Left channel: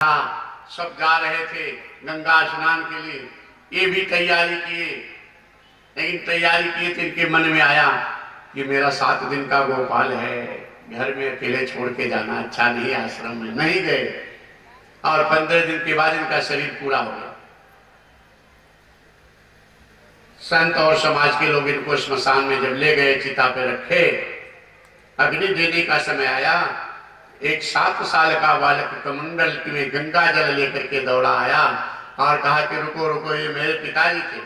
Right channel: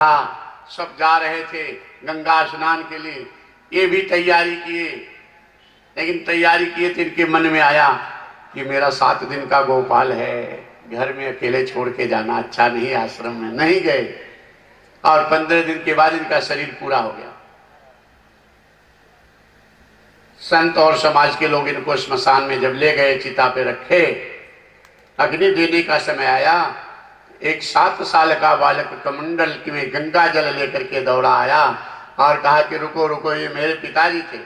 सब जा रहे थे गंगा स्नान के लिए, ये भी तैयारी किए, लेकिन तैयारी किए तो इनके मन में आया कि मेरा 7 दिन का गोपाल है, घर में अकेले छोड़ के जाना अच्छा नहीं, आश्रम में नहीं गए। और 15 दिन के बाद इनका शरीर पूरा हो गया। संत और समाज के लोग इनको स्मशान में जब ले गए, चिता पे रखे, अग्नि देने का समय आया, एक 7 साल का बालक कमंडल में गंगा जल लेकर के दौड़ा आया और कहा कि रुको रुको, ये मेरे पिताजी थे।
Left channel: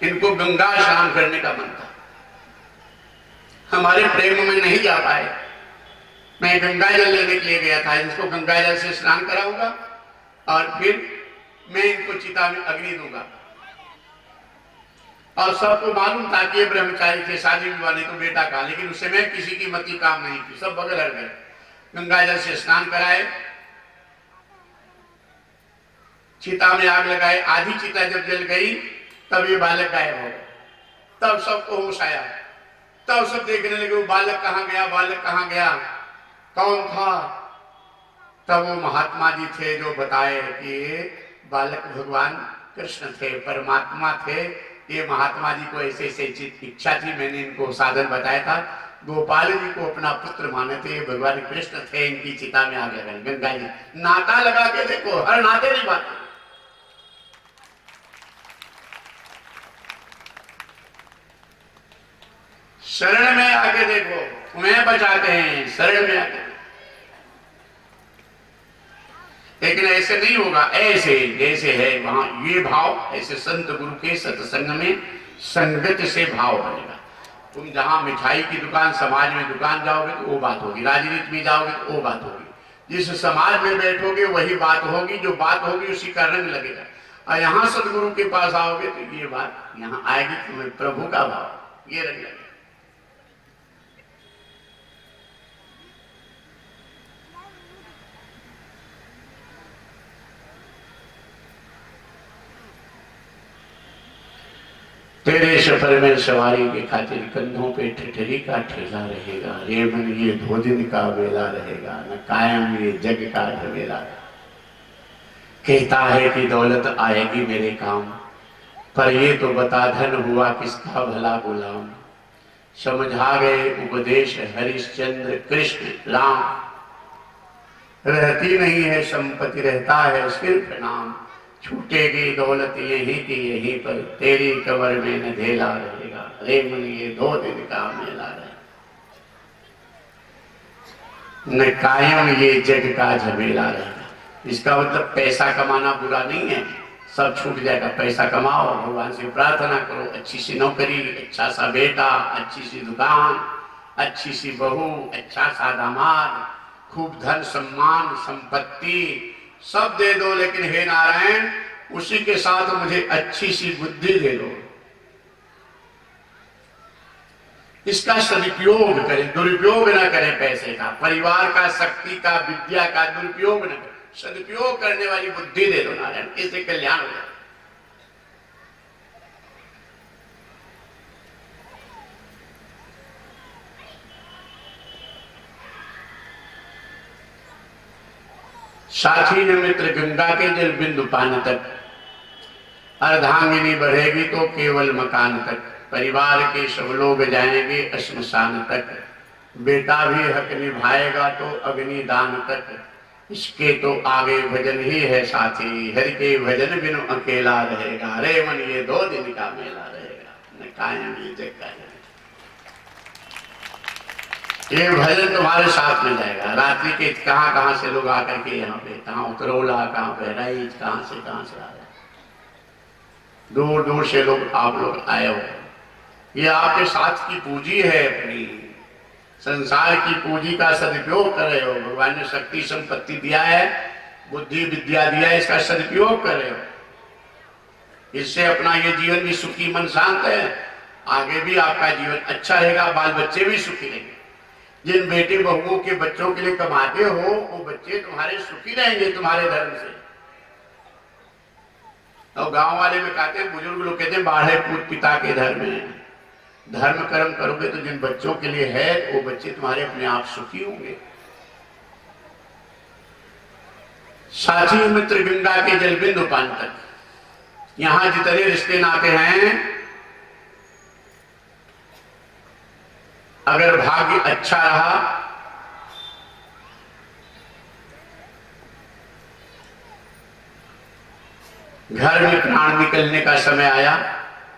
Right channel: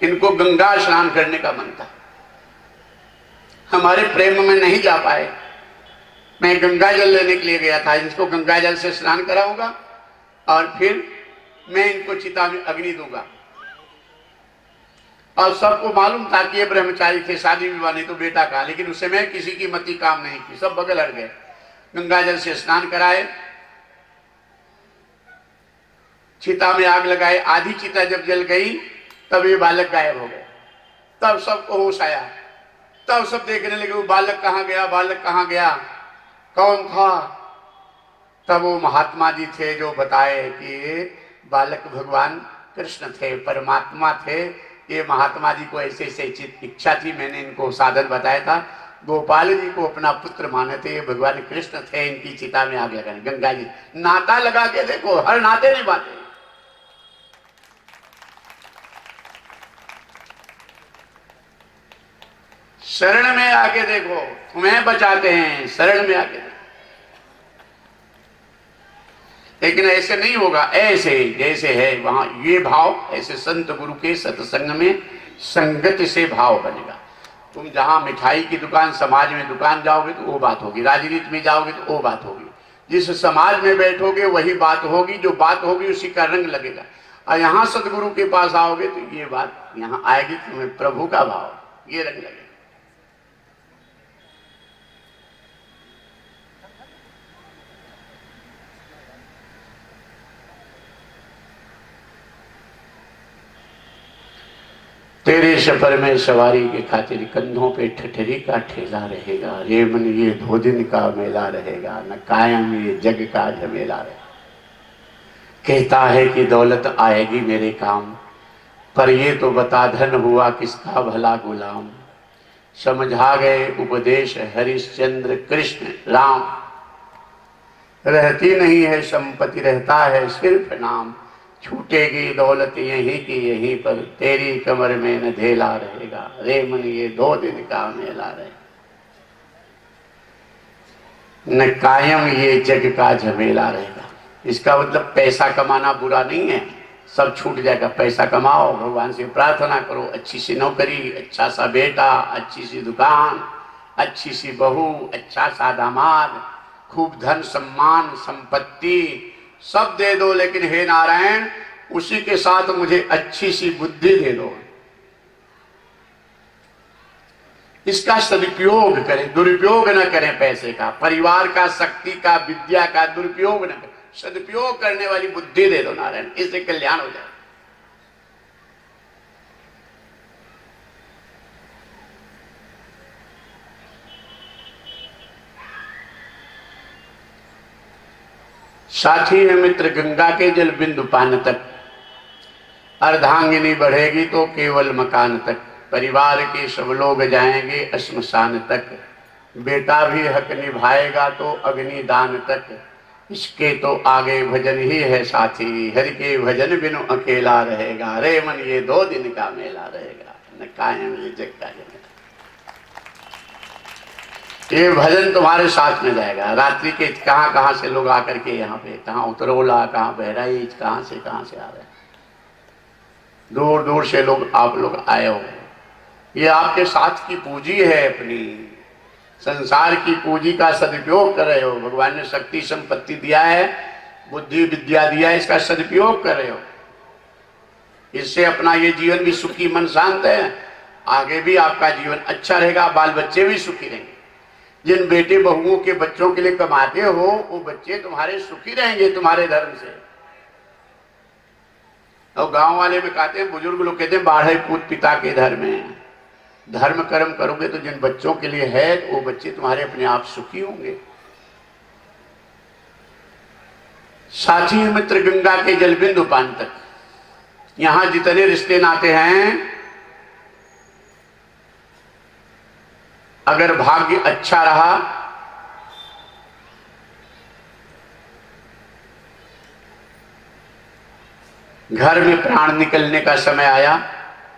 इनको गंगा स्नान करने का मन था, हमारे प्रेम में नहीं जा पाए। मैं गंगा जल लेने के लिए गया था, इनको गंगा जल से स्नान कराऊंगा और फिर मैं इनको चिता में अग्नि दूंगा। और सबको मालूम था कि ये ब्रह्मचारी थे, शादी विवाह नहीं तो बेटा का, लेकिन उस समय किसी की मति काम नहीं की, सब बगल हट गए। गंगा जल से स्नान कराए, चिता में आग लगाए, आधी चिता जब जल गई तब ये बालक गायब हो गया। तब सबको होश आया, तब सब देखने लगे वो बालक कहाँ गया, बालक कहाँ गया, कौन था। तब वो महात्मा जी थे जो बताए कि ये बालक भगवान कृष्ण थे, परमात्मा थे। ये महात्मा जी को ऐसे ऐसे इच्छा थी, मैंने इनको साधन बताया था, गोपाल जी को अपना पुत्र माने थे, भगवान कृष्ण थे, इनकी चिता में आ गया गंगा जी। नाता लगा के देखो, हर नाते नहीं बात। शरण में आके देखो, तुम्हें बचाते हैं, शरण में आके। लेकिन ऐसे नहीं होगा, ऐसे जैसे है वहां ये भाव, ऐसे संत गुरु के सत्संग में संगत से भाव बनेगा। तुम जहां मिठाई की दुकान, समाज में दुकान जाओगे तो वो बात होगी, राजनीति में जाओगे तो वो बात होगी, जिस समाज में बैठोगे वही बात होगी, जो बात होगी उसी का रंग लगेगा। और यहाँ सतगुरु के पास आओगे तो ये बात यहाँ आएगी, तुम्हें प्रभु का भाव, ये रंग लगेगा। तेरे सफर में सवारी के खातिर कंधों पे ठठरी का ठेला रहेगा, ये मन ये 2 दिन का मेला रहेगा, न कायम ये जग का झमेला रहेगा। कहता है कि दौलत आएगी मेरे काम, पर ये तो बता धन हुआ किसका भला गुलाम। समझा गए उपदेश हरिश्चंद्र कृष्ण राम, रहती नहीं है संपत्ति, रहता है सिर्फ नाम। छूटेगी दौलत यहीं की यहीं पर, तेरी कमर में न ढेला रहेगा, रे मन ये 2 दिन का मेला रहेगा। न कायम ये जग का झमेला रहेगा। इसका मतलब पैसा कमाना बुरा नहीं है, सब छूट जाएगा। पैसा कमाओ, भगवान से प्रार्थना करो, अच्छी सी नौकरी, अच्छा सा बेटा, अच्छी सी दुकान, अच्छी सी बहू, अच्छा सा दामाद, खूब धन सम्मान संपत्ति सब दे दो, लेकिन हे नारायण उसी के साथ मुझे अच्छी सी बुद्धि दे दो। इसका सदुपयोग करें, दुरुपयोग न करें। पैसे का, परिवार का, शक्ति का, विद्या का दुरुपयोग न करें, सदुपयोग करने वाली बुद्धि दे दो नारायण, इससे कल्याण हो जाए। साथी न मित्र गंगा के जल बिंदु पान तक, अर्धांगिनी बढ़ेगी तो केवल मकान तक, परिवार के सब लोग जाएंगे श्मशान तक, बेटा भी हक निभाएगा तो अग्नि दान तक। इसके तो आगे भजन ही है साथी, हरि के भजन बिनु अकेला रहेगा, रे मन ये 2 दिन का मेला रहेगा, न कायम ये जग का झमेला। ये भजन तुम्हारे साथ में जाएगा। रात्रि के कहां कहां से लोग आकर के यहाँ पे, कहां उतरौला, कहां बहराइच, कहां से आ रहे, दूर दूर से लोग, आप लोग आए हो। ये आपके साथ की पूंजी है, अपनी संसार की पूंजी का सदुपयोग कर रहे हो। भगवान ने शक्ति संपत्ति दिया है, बुद्धि विद्या दिया है, इसका सदुपयोग कर रहे हो। इससे अपना ये जीवन भी सुखी, मन शांत है, आगे भी आपका जीवन अच्छा रहेगा, बाल बच्चे भी सुखी रहेंगे। जिन बेटे बहुओं के बच्चों के लिए कमाते हो, वो बच्चे तुम्हारे सुखी रहेंगे तुम्हारे धर्म से। और गांव वाले में कहते हैं, बुजुर्ग लोग कहते हैं, बाढ़े पूत पिता के धर्म में। धर्म कर्म करोगे तो जिन बच्चों के लिए है वो बच्चे तुम्हारे अपने आप सुखी होंगे। साथी मित्र गंगा के जलबिंदु पान तक, यहां जितने रिश्ते नाते हैं, अगर भाग्य अच्छा रहा घर में प्राण निकलने का समय आया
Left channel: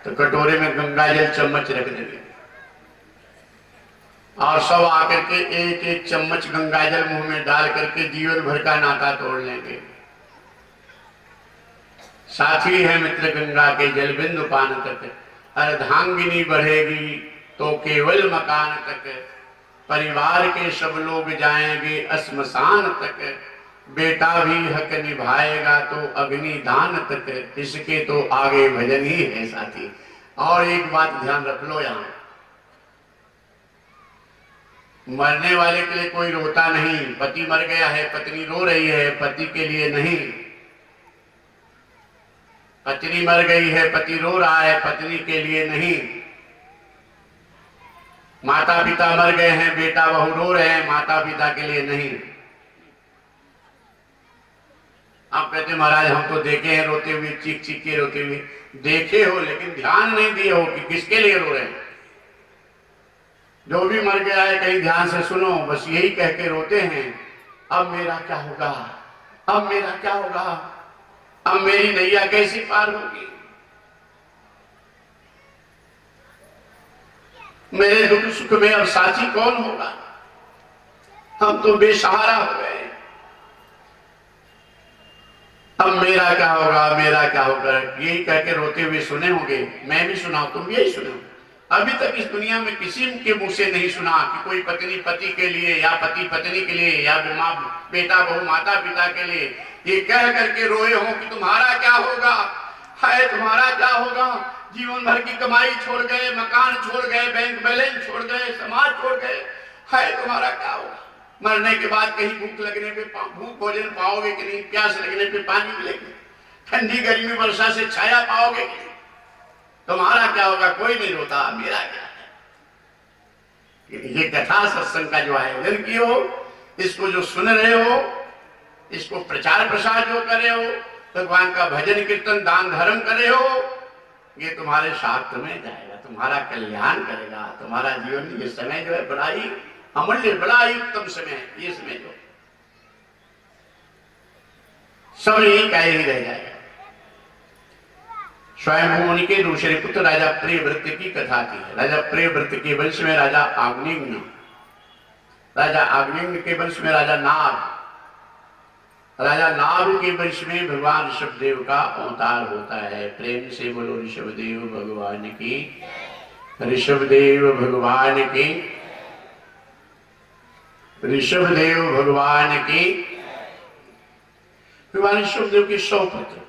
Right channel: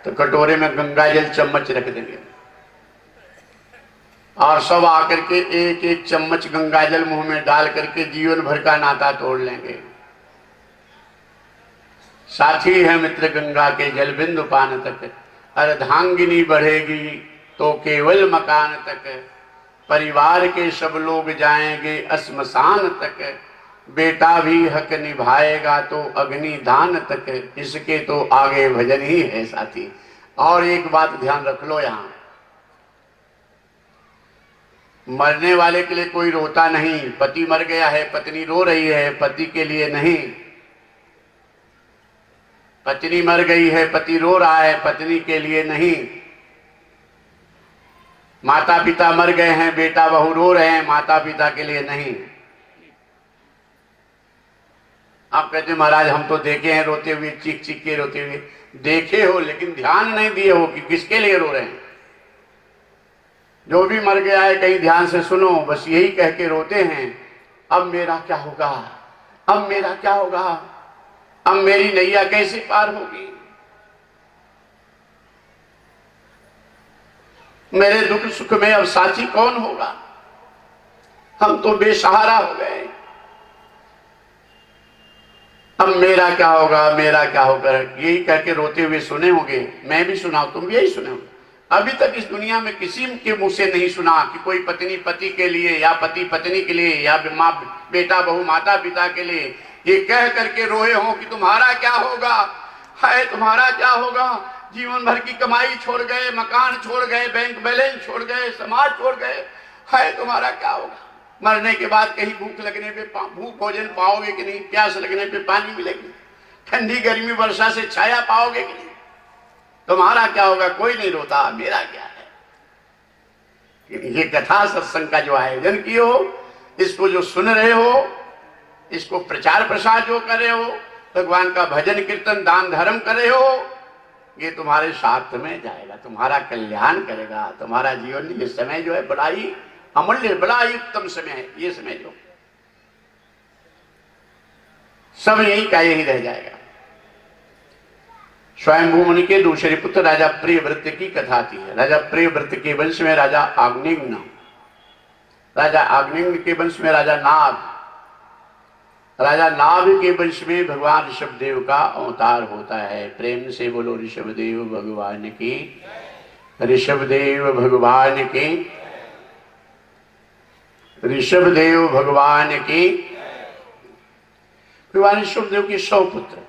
तो कटोरे में गंगा जल चम्मच रख देंगे और सब आकर के एक एक चम्मच गंगा जल मुंह में डाल करके जीवन भर का नाता तोड़ लेंगे। साथी है मित्र गंगा के जल बिंदु पान तक, अर्धांगिनी बढ़ेगी तो केवल मकान तक, परिवार के सब लोग जाएंगे अस्मशान तक, बेटा भी हक निभाएगा तो अग्नि दान तक, इसके तो आगे भजन ही है साथी। और एक बात ध्यान रख लो, यहां मरने वाले के लिए कोई रोता नहीं। पति मर गया है, पत्नी रो रही है, पति के लिए नहीं। पत्नी मर गई है, पति रो रहा है, पत्नी के लिए नहीं। माता पिता मर गए हैं, बेटा बहू रो रहे हैं, माता पिता के लिए नहीं। आप कहते महाराज हम तो देखे हैं रोते हुए, चीख चीख के रोते हुए। देखे हो लेकिन ध्यान नहीं दिए हो कि किसके लिए रो रहे हैं। जो भी मर गया है कहीं ध्यान से सुनो, बस यही कह के रोते हैं, अब मेरा क्या होगा, अब मेरा क्या होगा, अब मेरी नैया कैसे पार होगी, मेरे दुख सुख में अब साथी कौन होगा, हम तो बेसहारा हो गए, अब मेरा क्या होगा, मेरा क्या होगा, यही कह के रोते हुए सुने होंगे। मैं भी सुना, तुम भी यही सुने होंगे। अभी तक इस दुनिया में किसी के मुंह से नहीं सुना कि कोई पत्नी पति के लिए या पति पत्नी के लिए या माँ बेटा बहू माता पिता के लिए ये कह करके रोए हो कि तुम्हारा क्या होगा, है तुम्हारा क्या होगा। जीवन भर की कमाई छोड़ गए, मकान छोड़ गए, बैंक बैलेंस छोड़ गए, समाज छोड़ गए, है तुम्हारा क्या होगा। मरने के बाद कहीं भूख लगने पे भूख भोजन पाओगे कि नहीं, प्यास लगने पे पानी मिलेगी, ठंडी गर्मी वर्षा से छाया पाओगे कि नहीं, तुम्हारा क्या होगा। कोई नहीं रोता, मेरा क्या है। ये कथा सत्संग का जो आयोजन किए हो, इसको जो सुन रहे हो, इसको प्रचार प्रसार जो कर रहे हो, भगवान का भजन कीर्तन दान धर्म कर रहे हो, ये तुम्हारे साथ में जाएगा, तुम्हारा कल्याण करेगा। तुम्हारा जीवन ये समय जो है बड़ा ही अमूल्य, बड़ा ही उत्तम समय है। ये समय जो सब यही का यही रह जाएगा। स्वयंभू मुनि के दूसरे पुत्र राजा प्रियव्रत की कथा थी। राजा प्रियव्रत के वंश में राजा आग्नेय, राजा आग्नेय के वंश में राजा नाभ, राजा नाभ के वंश में भगवान ऋषभदेव का अवतार होता है। प्रेम से बोलो ऋषभदेव भगवान की, ऋषभदेव भगवान की, ऋषभदेव भगवान की। भगवान ऋषभदेव के 100 पुत्र,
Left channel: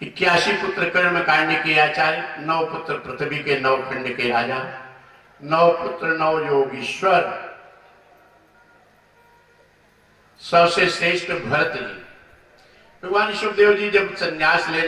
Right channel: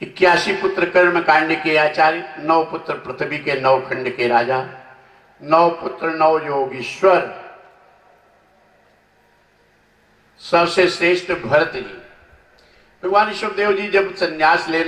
81 पुत्र कर्म कांड के आचार्य, 9 पुत्र पृथ्वी के 9 खंड के राजा, 9 पुत्र 9 योगीश्वर, सबसे श्रेष्ठ भरत जी। भगवान ऋषभदेव जी जब संन्यास ले